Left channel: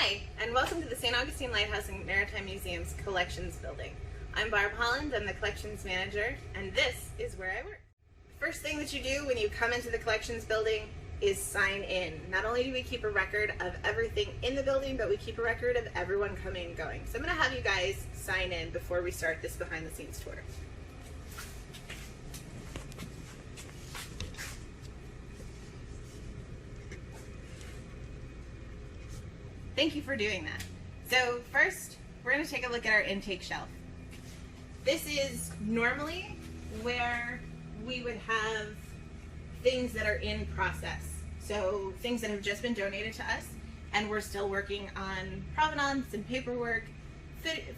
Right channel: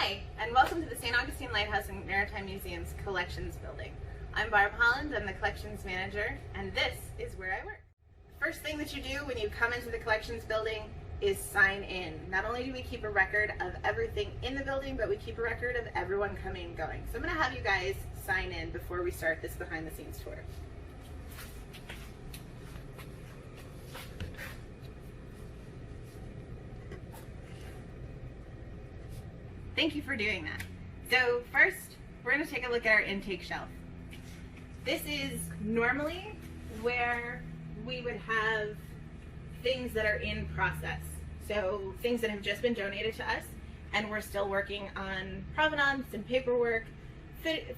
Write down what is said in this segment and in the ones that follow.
Hi, and welcome to the St. Augustine Lighthouse and Maritime Museum's Collections Building. I'm Barbara Holland, I'm the Collections Manager, and this is where I work. First thing that you do when you come into the Collections Building is sign in. Not only do we keep a record of everything in the building, but we keep a record of everyone coming and going. So I'm going to have you guys sign in before we start this behind the scenes tour. Thank you for doing that. So first, we're going to take a look at our intake shelf. This is normally where we would have things that are in process. So things that have just been donated to us, and we're still working on provenance and paperwork,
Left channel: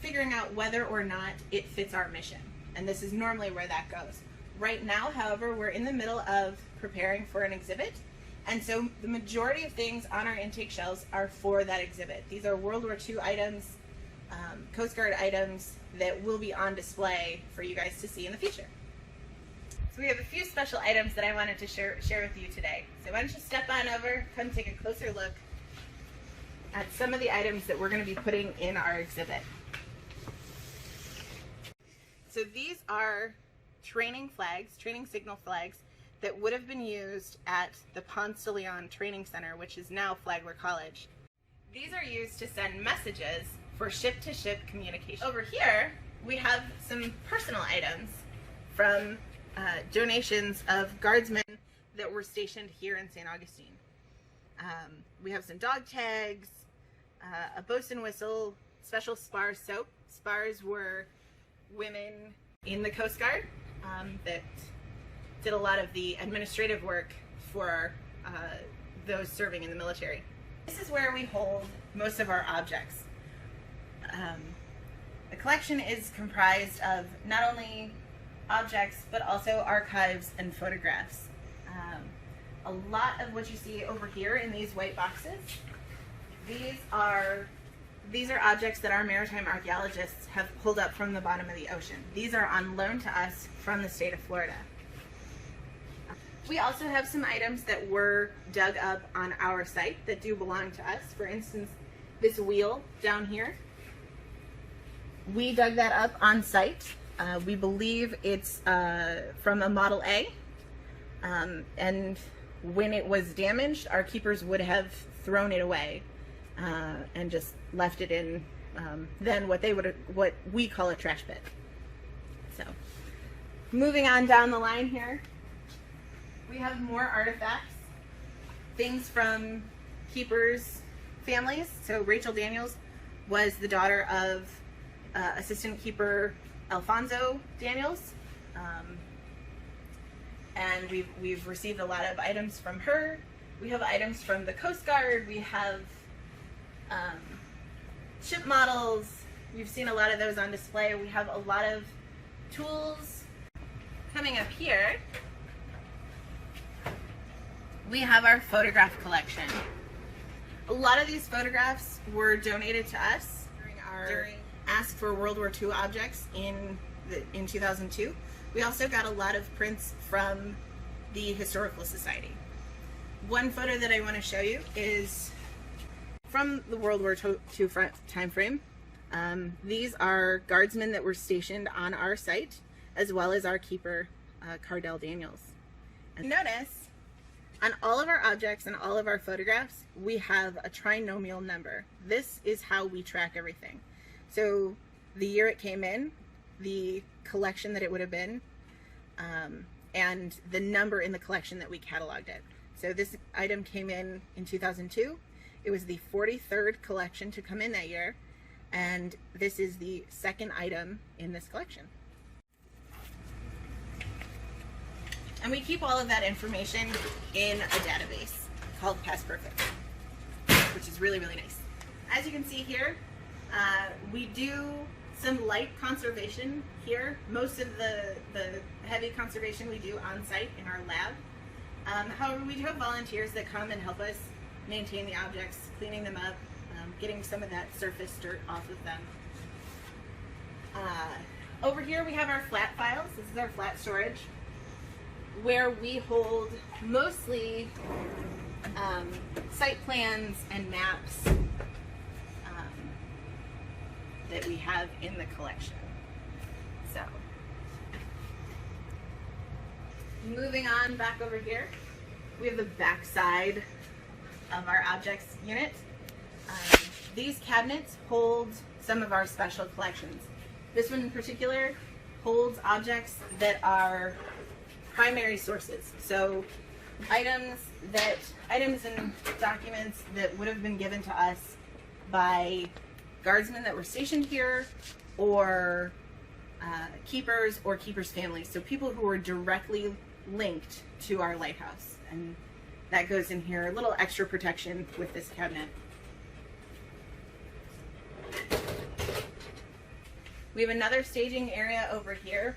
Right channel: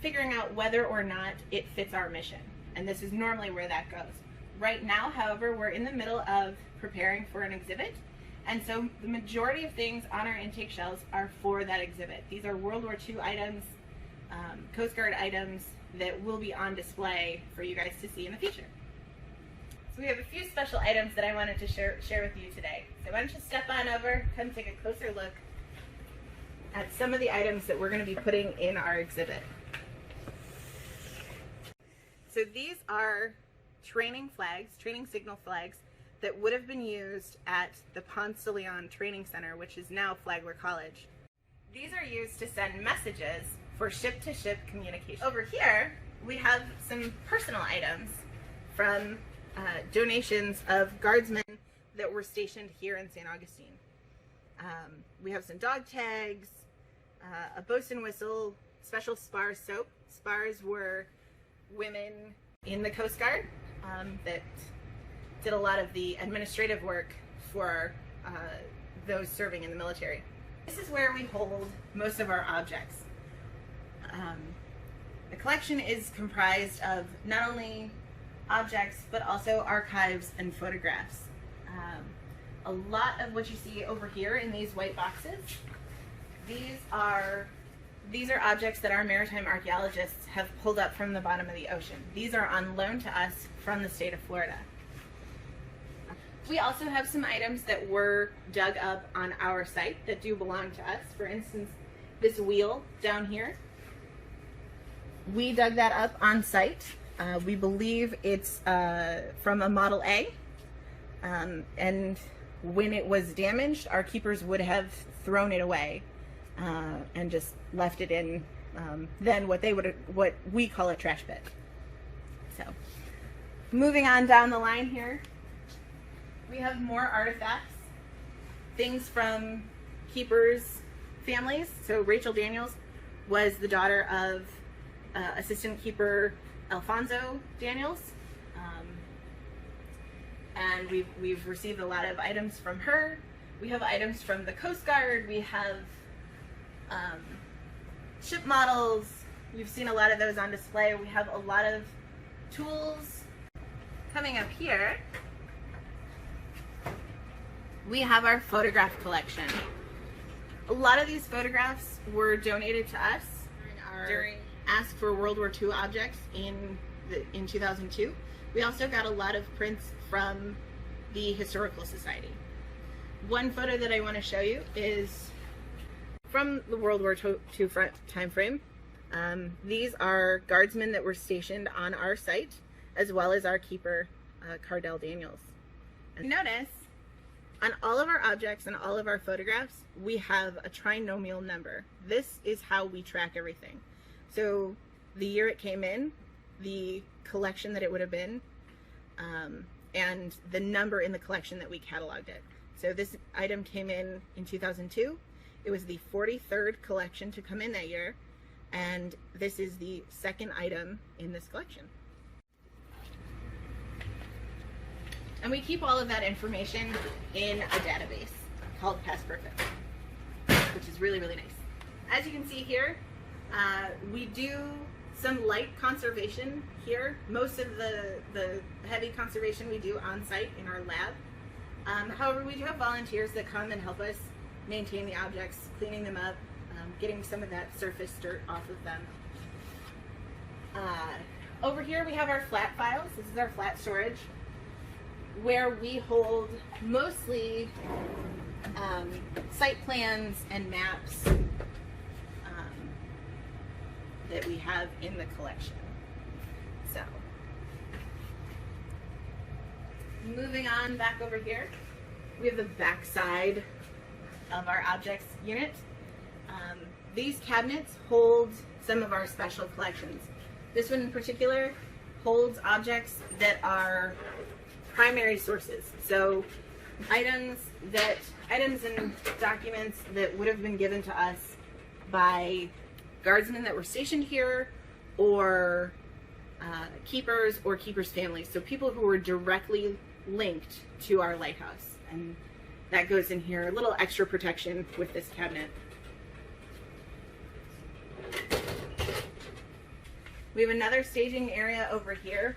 figuring out whether or not it fits our mission. And this is normally where that goes. Right now, however, we're in the middle of preparing for an exhibit. And so the majority of things on our intake shelves are for that exhibit. These are World War II items, Coast Guard items that will be on display for you guys to see in the future. So we have a few special items that I wanted to share with you today. So why don't you step on over, come take a closer look at some of the items that we're going to be putting in our exhibit. So these are training flags, training signal flags, that would have been used at the Ponce de Leon Training Center, which is now Flagler College. These are used to send messages for ship-to-ship communication. Over here, we have some personal items from donations of guardsmen that were stationed here in St. Augustine. We have some dog tags, a bosun whistle, special spar soap. Spars were women in the Coast Guard that did a lot of the administrative work for those serving in the military. This is where we hold most of our objects. The collection is comprised of not only objects, but also archives and photographs. A lot of what you see over here in these white boxes, these are objects that our maritime archaeologists have pulled up from the bottom of the ocean. These are on loan to us from the state of Florida. We also have some items that were dug up on our site that do belong to us. For instance, this wheel down here, we dug that up on site. We believe it's from a Model A, and when it was damaged, our keepers would have thrown it away and just left it in then what we call a trash pit. So, moving on down the line here, we have more artifacts, things from keepers' families. So Rachel Daniels was the daughter of assistant keeper Alfonso Daniels, and we've received a lot of items from her. We have items from the Coast Guard. We have ship models. You've seen a lot of those on display. We have a lot of tools. Coming up here, we have our photograph collection. A lot of these photographs were donated to us during Ask for World War II objects in 2002. We also got a lot of prints from the Historical Society. One photo that I want to show you is from the World War II time frame. These are guardsmen that were stationed on our site, as well as our keeper, Cardell Daniels. And notice, on all of our objects and all of our photographs, we have a trinomial number. This is how we track everything. So the year it came in, the collection that it would have been, and the number in the collection that we cataloged it. So this item came in 2002. It was the 43rd collection to come in that year, and this is the second item in this collection. And we keep all of that information in a database called Past Perfect, which is really, really nice. As you can see here, we do some light conservation here. Most of the heavy conservation we do on site in our lab. However, we do have volunteers that come and help us maintain the objects, cleaning them up, getting some of that surface dirt off of them. Over here we have our flat files. This is our flat storage, where we hold mostly site plans and maps that we have in the collection. So, moving on back over here, we have the back side of our objects unit. These cabinets hold some of our special collections. This one in particular holds objects that are primary sources. So items and documents that would have been given to us by guardsmen that were stationed here, or keepers or keepers' families. So people who were directly linked to our lighthouse. And that goes in here, a little extra protection with this cabinet. We have another staging area over here.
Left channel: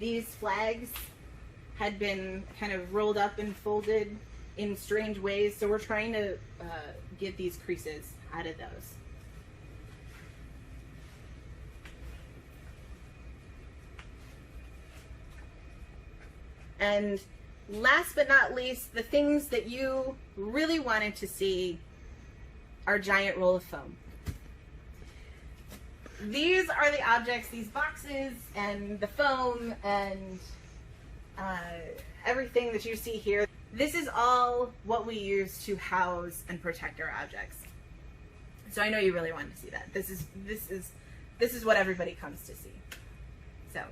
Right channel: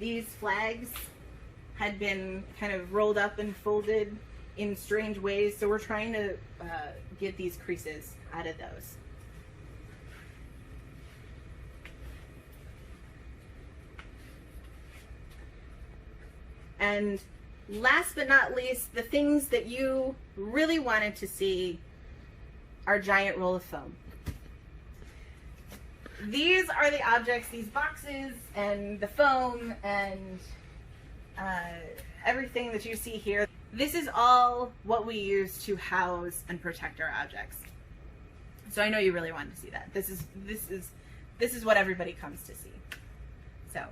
These flags had been kind of rolled up and folded in strange ways, so we're trying to get these creases out of those. And last but not least, the things that you really wanted to see, our giant roll of foam. These are the objects, these boxes and the foam and everything that you see here. This is all what we use to house and protect our objects. So I know you really wanted to see that. This is what everybody comes to see. So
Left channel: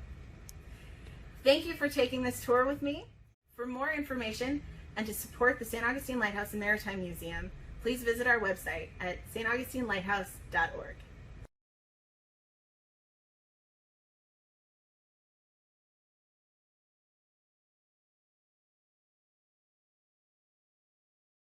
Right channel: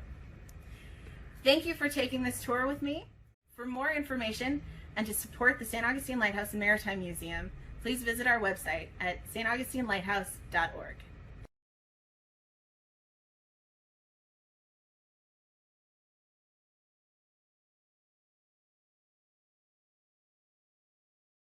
thank you for taking this tour with me. For more information and to support the St. Augustine Lighthouse and Maritime Museum, please visit our website at staugustinelighthouseorg.